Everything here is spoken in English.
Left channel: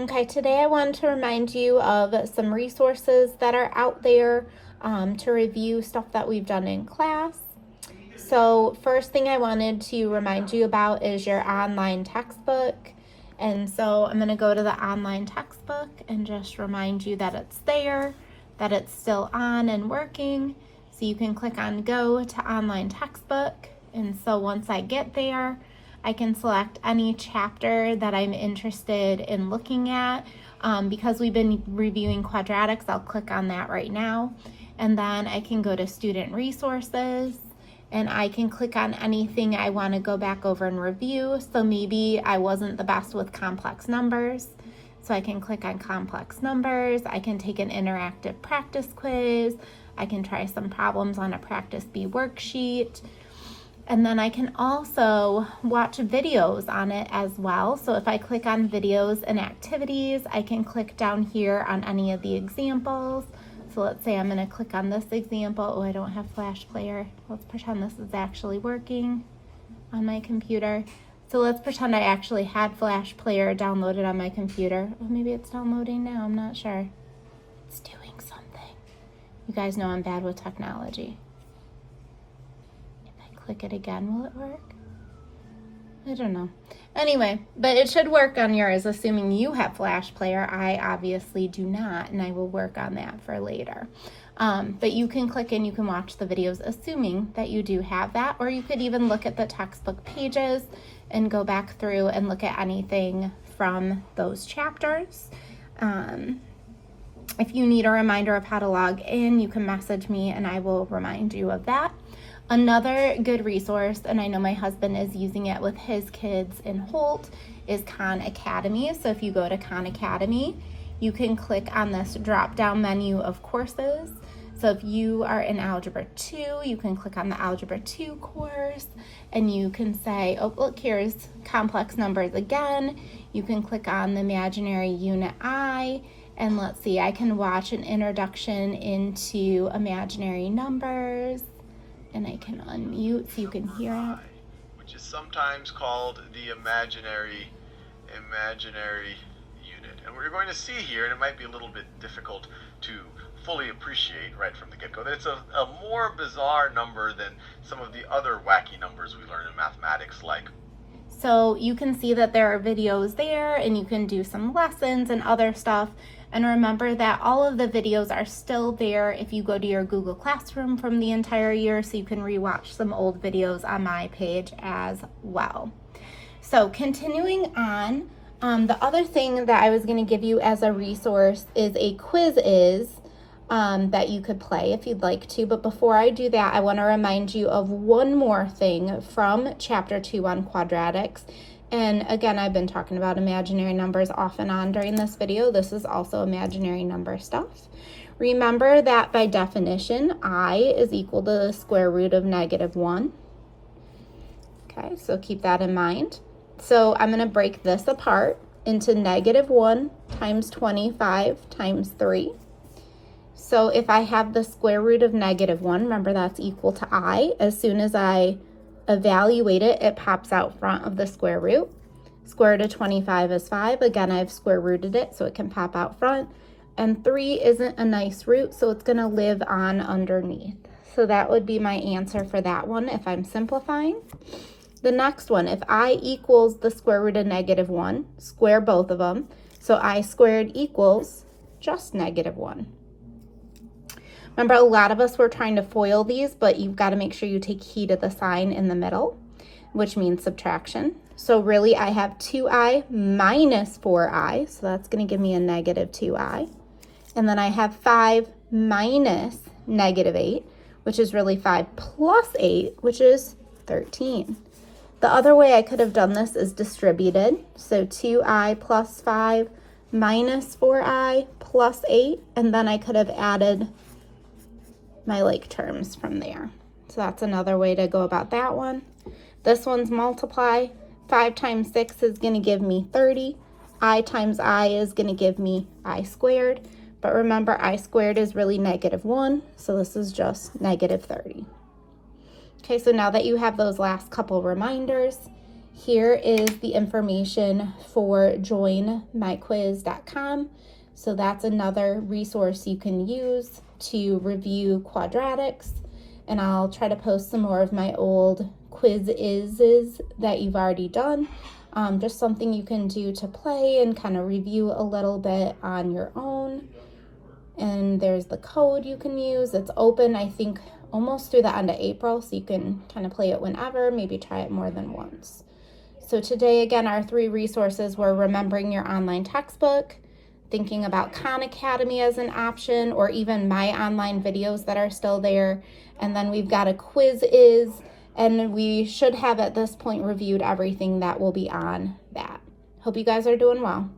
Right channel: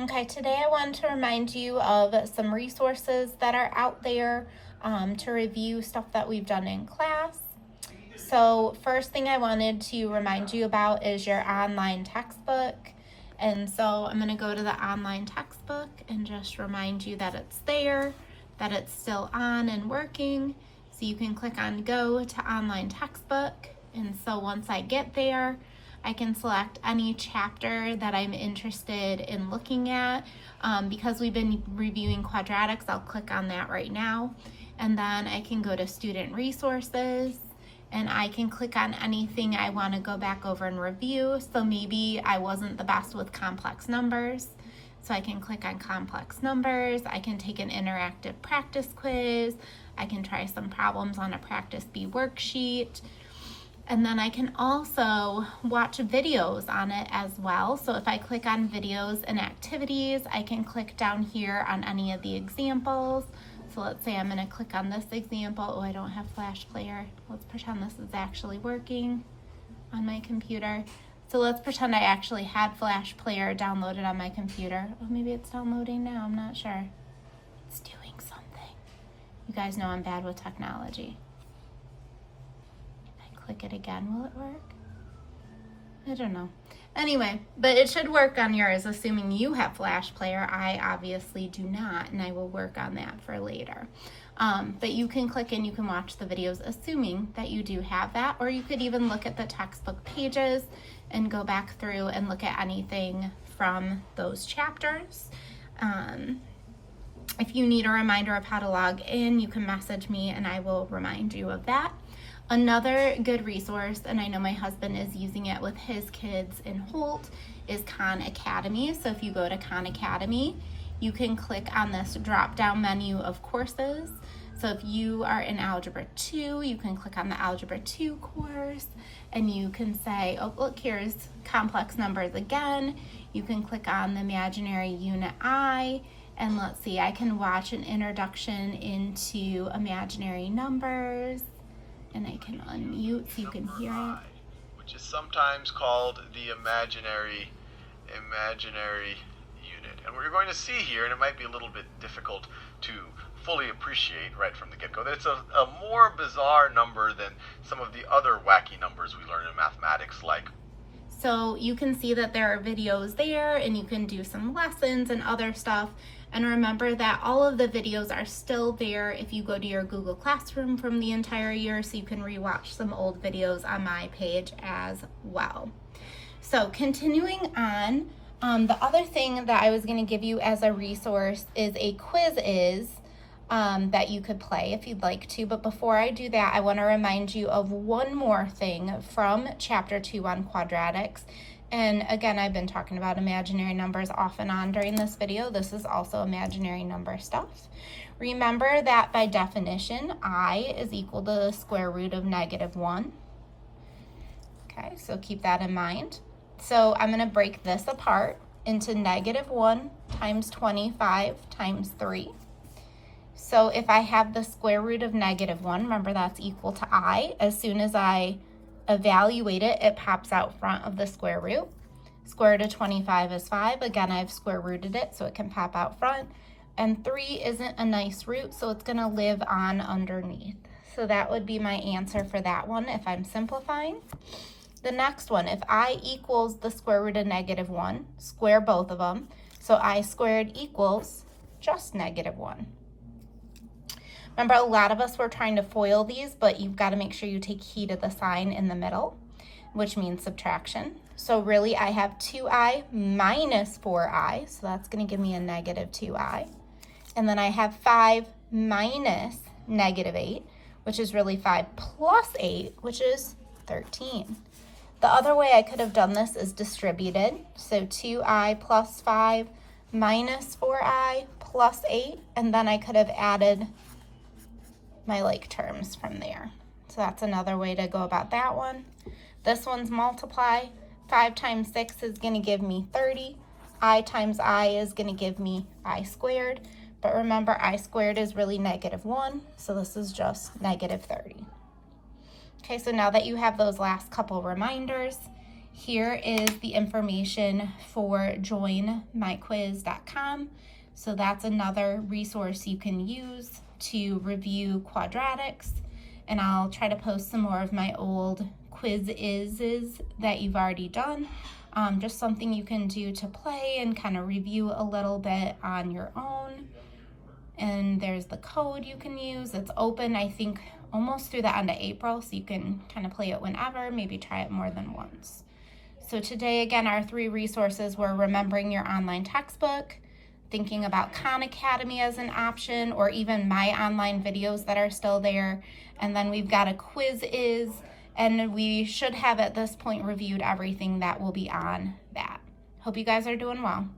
Okay, today I wanted to remind you of some resources that are out there to review stuff that we've done in class. So first thing I wanted to remind you about is your online textbook. And so I'm going to go to the online textbook and just remind you that it's there, that it's still on and working. So you can click on go to online textbook. And so once I get there, I can select any chapter that I'm interested in looking at. Because we've been reviewing quadratics, I'll click on that right now. And then I can go to student resources and I can click on anything I want to go back over and review. So maybe I wasn't the best with complex numbers, so I can click on complex numbers. I can take an interactive practice quiz. I can try some problems on a practice B worksheet. And then I can also watch videos on it as well. So if I click on videos and activities, I can click down here on any of the examples. So let's say I'm going to click on this example. Oh, I don't have Flash Player. Let's pretend this is actually working on my computer. So let's pretend I actually had Flash Player downloaded on my computer. Oh, maybe it's downloading now. I'm not sure. It's doing something. You guys know I'm bad with technology. If I click it again, will it work? I don't know. Anyway, but it should work on yours, assuming you have Flash Player. I obviously do not, and I will work on that for later. But you can click and you can watch the videos, assuming that you do have that, or you could even look at the textbook pages and go back through and look at anything from those chapters. If you need a reminder of how to log in, you can message me and I will remind you of that. Another good resource, and I know my husband is using it with his kids in Holt, is Khan Academy. So if you go to Khan Academy, you can click on this drop-down menu of courses. So if you are in Algebra 2, you can click on the Algebra 2 course, and you can say, oh, look, here's complex numbers again. You can click on the imaginary unit I, and let's see, I can watch an introduction into imaginary numbers. And I can unmute so you can hear it. Which is sometimes called the imaginary unit. And what you're going to see here, and it might be a little bit difficult to fully appreciate right from the get-go, that it's a more bizarre number than some of the other wacky numbers we learn in mathematics, like. So you can see that there are videos there, and you can do some lessons and other stuff. And remember that all of the videos are still there if you go to your Google Classroom from the entire year, so you can rewatch some old videos on my page as well. So continuing on, the other thing that I was going to give you as a resource is a quiz that you could play if you'd like to. But before I do that, I want to remind you of one more thing from Chapter 2 on quadratics. And again, I've been talking about imaginary numbers off and on during this video. This is also imaginary number stuff. Remember that by definition, I is equal to the square root of -1. Okay, so keep that in mind. So I'm going to break this apart into -1 times 25 times 3. So if I have the square root of -1, remember that's equal to I. As soon as I evaluate it, it pops out front of the square root. Square root of 25 is 5. Again, I've square rooted it, so it can pop out front. And 3 isn't a nice root, so it's going to live on underneath. So that would be my answer for that one if I'm simplifying. The next one, if I equals the square root of -1, square both of them. So I squared equals just -1. Remember, a lot of us were trying to FOIL these, but you've got to make sure you take heed of the sign in the middle, which means subtraction. So really, I have 2i minus 4i, so that's going to give me a -2i. And then I have 5 minus -8, which is really 5 plus 8, which is 13. The other way I could have done this is distributed. So 2i plus 5 minus 4i plus 8, and then I could have added my like terms from there. So that's another way to go about that one. This one's multiply. 5 times 6 is going to give me 30. I times I is going to give me I squared. But remember, I squared is really -1, so this is just -30. Okay, so now that you have those last couple reminders, Here is the information for joinmyquiz.com. So that's another resource you can use to review quadratics. And I'll try to post some more of my old quizzes that you've already done. Just something you can do to play and kind of review a little bit on your own. And there's the code you can use. It's open, I think, almost through the end of April, so you can kind of play it whenever, maybe try it more than once. So today, again, our 3 resources were remembering your online textbook, thinking about Khan Academy as an option, or even my online videos that are still there. And then we've got a Quiz-Is, and we should have at this point reviewed everything that will be on that. Hope you guys are doing well.